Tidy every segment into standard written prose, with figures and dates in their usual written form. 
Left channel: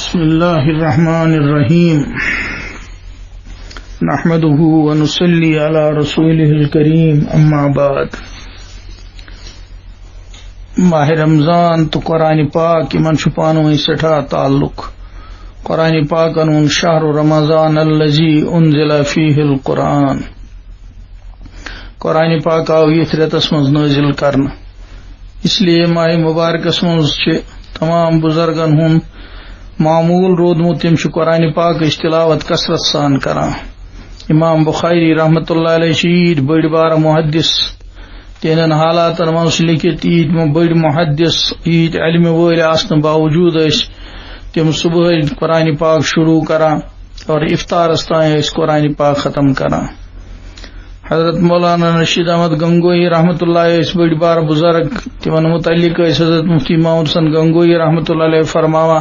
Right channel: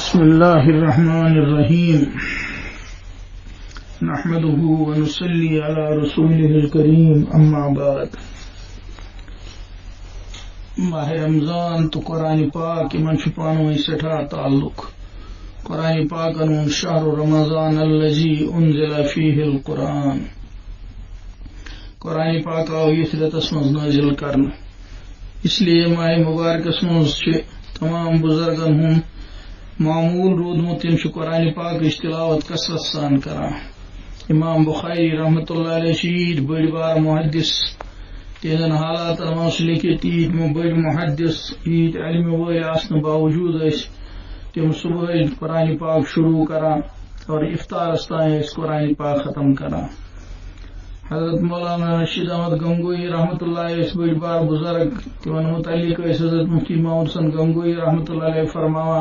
بسم الله الرحمن الرحيم نحمده ونصلي على رسوله الكريم اما بعد ماہ رمضان تو قرآن پاک من چھپانو سٹھا تعلق قرآن پاک انون شہر رمضان الذي انزل فيه القرآن قرآن پاک آو یہ رتس مز نازل کرنا اس لیے ماہ مبارکس مز تمام بزرگن ہن معمول رودمت تم قرآن پاک تلاوت کثرت سان کران امام بخاری رحمۃ اللہ علیہ عید بڑ بار محدث تہندن حالات مز لکھت عید بڑ محدث عید علم ول آسن باوجود تم صبح قرآن پاک شروع کران اور افطارس تان قرآن پاک ختم کران حضرت مولانا رشید احمد گنگوئی رحمۃ اللہ بڑ بار بزرگ تمن متعلق حضرت مفتی محمود حسن گنگوئی رحمۃ اللہ علیہ فرماوا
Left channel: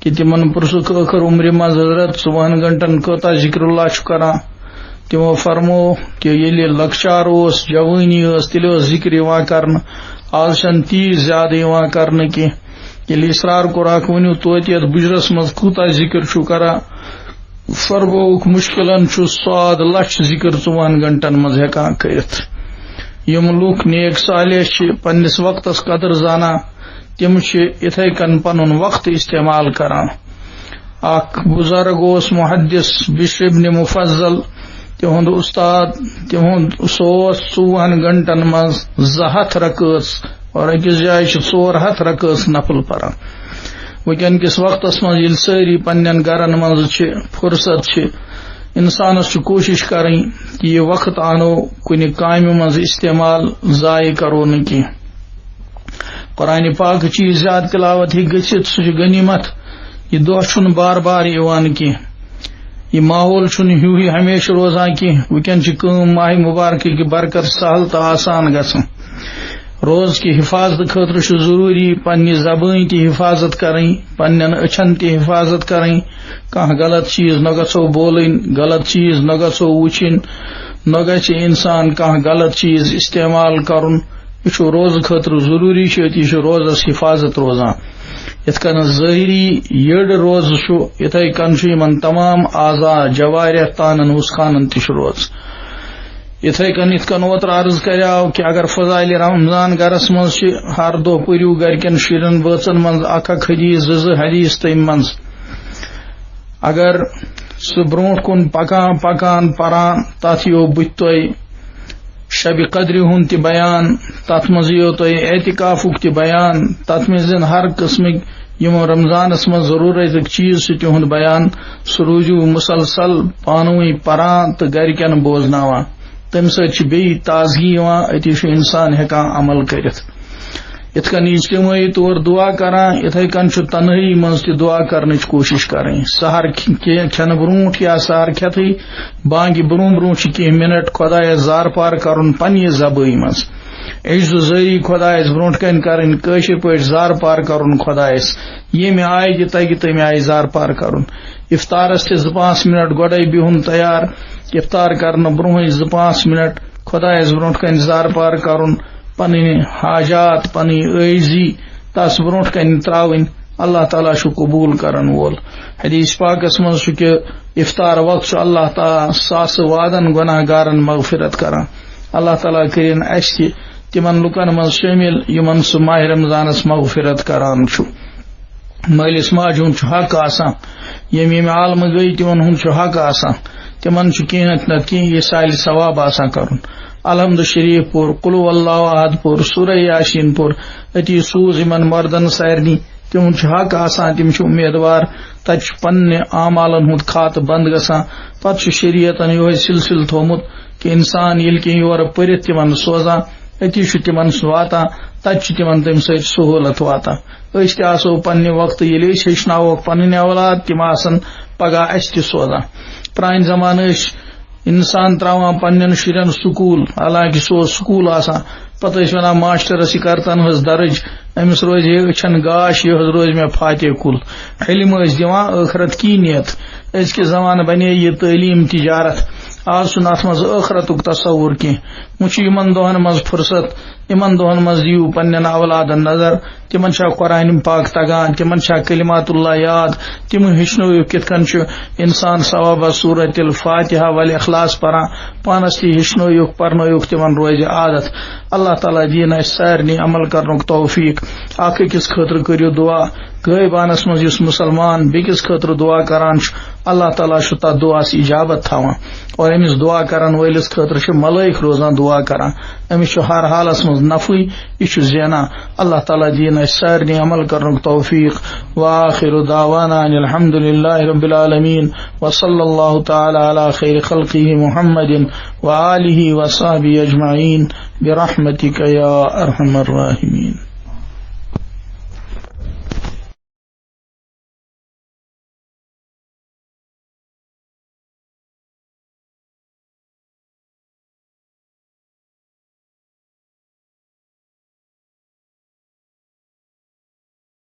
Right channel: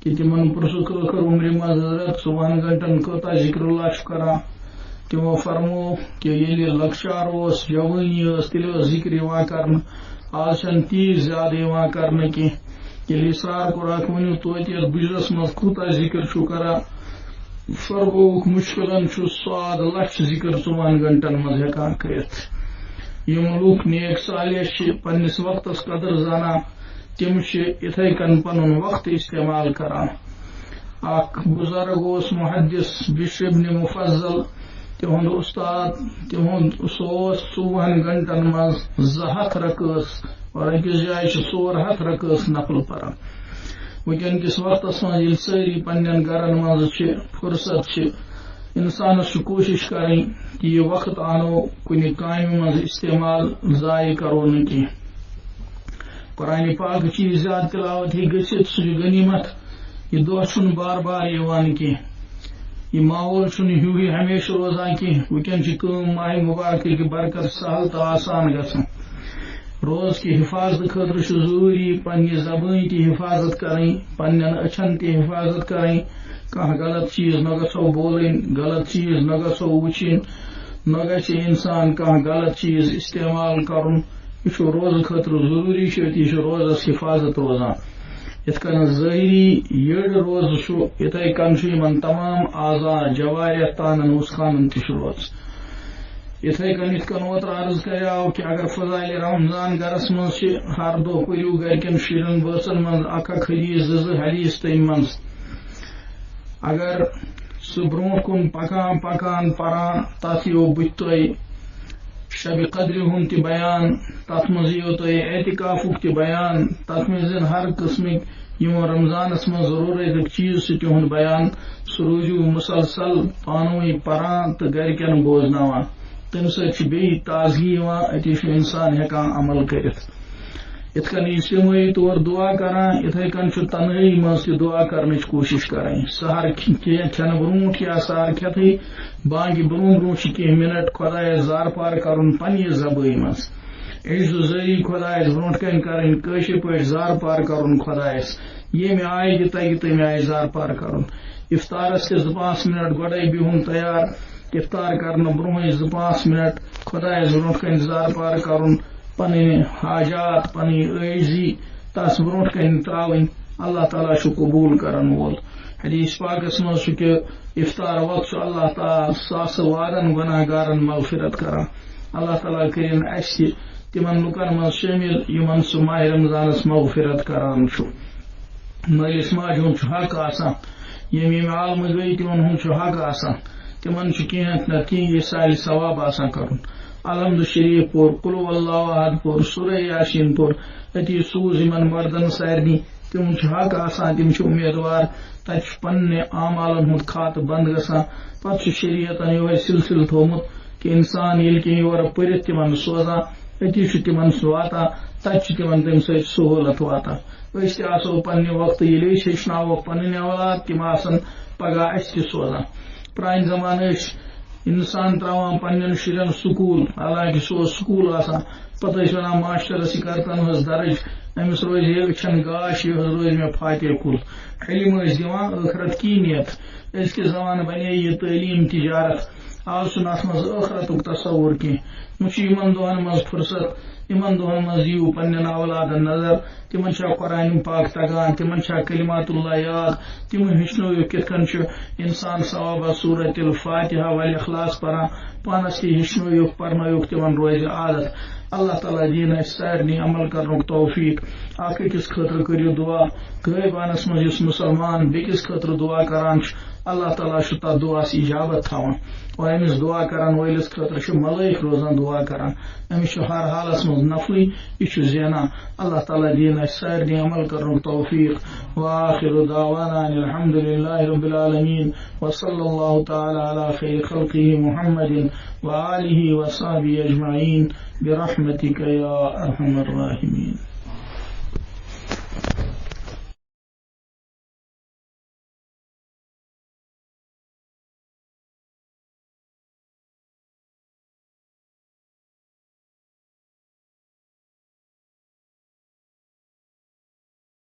کہ تمن پرسک ٲخر عمر مز حضرت 4 گھنٹن کوتا ذکر اللہ کران تمو فرمو کہ ییٚلہِ لکچار اوس جوانی ٲس تیٚلہِ اوس ذکر یوان کرنہٕ آز چھنہٕ تیٖژ زیادٕ یوان کرنہٕ کینٛہہ ییٚلہِ اصرار کوٚرکھ ؤنِو توتہِ یتھ بُجرس منٛز کوٗتاہ ذکر چھُو کران فرمووُکھ مشکلن چھُ 100 لچھ ذکر 4 گھنٹن منٛز ہیٚکان کٔرِتھ یِم لُکھ نیک صالح چھِ پننس وقتس قدر زانان تم اتھے کن پنن وقت استعمال کران اخ بزرگ اوس محدث بشر ابن مفضل تہند استاد تہند سوس 4 گھنٹن مز 200 رکعت اور اکس جائے 400 رکعت نفل پران وکن کس وقتس مز یل ساری پنن گرن مز فرصت انسانس کوشش کریں کہ یہ وقت آنو کن کامہ مز استعمال ضائع کرو نہ کی قرآن پاک چیز زیادہ تلاوت گھت سہ غنیمت یہ دہ چھن بار بار یوان کی یہ ماحول چھن ہی ہمیشہ روزان کی وکن ماہ مبارک کی برکت سہل تو آسان گھن روز کی حفاظت خاطر ضروری پنہ زبان تی حفاظت کریں پنن اچھن تی حفاظت کریں کھانا غلط چیز نہ گژھو بولن غلط چیز نہ گژھو وچھن نہ گژھِ انسان کھانا غلط چیز استعمال کرن یہ روز خاطر ضروری یہ روزس حفاظت روزان یت کن ظاہری یڑ روز اتھے کن تمام اعضاء جوارح تانن وسخانن تش روز اتھے کن یت کن اوتر عرض کریاو کہ اگر فضائل رمضان گرس مز ہر دہ پریو گرکن شرین بچن مز اکھ حدیث 2 حدیث تم مز اگر سہ برونٹ کن پکان پکان پران تت یو بت تہ شب قدر ہند تہ بیان تت مز یو تہ اعتکافک تہ بیان تت مز ہر قسمک یم رمضانس مز ضرورت چیز تہند بیان سہ روزو مسلسل پانوی پران تو گرکن بوزناوان تمہ سۭتۍ بیٚیہِ تازگی یوان اتی انسان ہیکان عمل کرتھ یتھ کن اجتماعی طور دعا کران اتھے کن تنہائی مز تہ دعا کرنچ کوشش کریں سحر کھین برونٹ یا سحر کھیتھے بانگہ برون برونٹ کی منٹ خدایس زار پار کرن پنہ زبان مز عجز زاری خدایس برونٹ کن کرن کاشر پٲٹھۍ زار پار کرن خدایس ییٚمہِ آیہِ تہِ تگہِ تمہِ آیہِ زار پار کرن افطارس تہ 2-5 منٹ گۄڈے بہن تیار افطار کرنے برونٛہٕے 2-5 منٹ خدایس برونٹ کن زار پار کرن پنٕنۍ حاجات پنٕنۍ عٲجزی تس برونٹ کن تراوٕنۍ اللہ تعالیٰ چھُ قبول کرن وول حدیث پاکس مز چھُ کہ افطار وقت اللہ تعالیٰ ساسہٕ وادن گناہ گارن مغفرت کران اللہ تعالیٰ کرن اس تہ تمن لکن مز شامل یمن سہ ماہ رمضانس مغفرت کران چھُ مٲلِس ماجہِ ہُنٛد چھُ حق آسان یم عالمہٕ گٔے تمن ہُنٛد چھُ حق آسان تمن چھُ کینٛہہ نتہٕ کینٛہہ یہ سالہِ ثواب آسان کرن الحمد شریف پور قل هو اللہ احد پور سورہ یاسین پور اتی سوز یمن مردن سارنی تم حق آسان تم امیدوار تت پنہ اعمالن ہند کھاتہ بند گژھان پتہ شریعتن یہ سلسلہ تھومت کہ انسان یل کی یور پرت تمن سوزان اتی تمن واتان تت تمن تم سۭتۍ سہولت واتان أسۍ تہِ آسو پنہ وقت ییٚلہِ أسۍ ہیٚچھناووکھ پنٕنۍ اولاد تم آسن پگاہ اسہِ تہِ سوزان پرٛانہِ زمانہٕ ٲسۍ انسان تراوان پنن شرین سکول حالانکہ سو سکول آسان پتہ ونان ماسٹرس یہ کرتن حس درج امس روز ہے اچھن گاش یہ روز میں فاتح کل علم دِوان ٲخرت کی نیت ازکہِ زمانہ بنے یہ تعلیم تجارت آج چھُنہٕ اتھ منٛز ٲخرتُک تصوُر کینٛہہ وۄنۍ چھُ یِمن دۄہن منٛز فرصت یِمن دۄہن منٛز دِیِو پننٮ۪ن اولادن نظر تِمن چھا قرآن پاک تگان تِمن چھا کلمات اللہ یاد تِم ہیٚچھنٲیِکھ کِتھ کٔنۍ چھُ انسان ثوابہ سورۃ الفاتحہ والاخلاص پران پانس تہِ ہیٚچھنٲیِکھ پرنٲیِکھ تِمن روزِ عادت اللہ تعالیٰ دِیِن اسہِ سارنٕے عمل کرنُک توفیق اکھ أکِس خٲطرٕ کٔرِو دعا غٲبانس منٛز یُس مسلمان بیٚکِس خٲطرٕ دعا کران چھُ اللہ تعالیٰ چھُ تتھ دعاس اجابت تھاوان اور أمِس دعا کرن وٲلِس خٲطرٕ چھِ ملٲیِک روزان دعا کران أمِس چھُ ہر حالس منٛز نفعٕے یہِ چھُ زینان اللہ تعالیٰ دِیِن اسہِ سارنٕے عمل کرنُک توفیق وآخر دعوانا ان الحمد للہ رب العالمین وصلی اللہ تعالی علی خیر خلقہ محمد وآلہ وصحبہ اجمعین برحمتک یا ارحم الراحمین.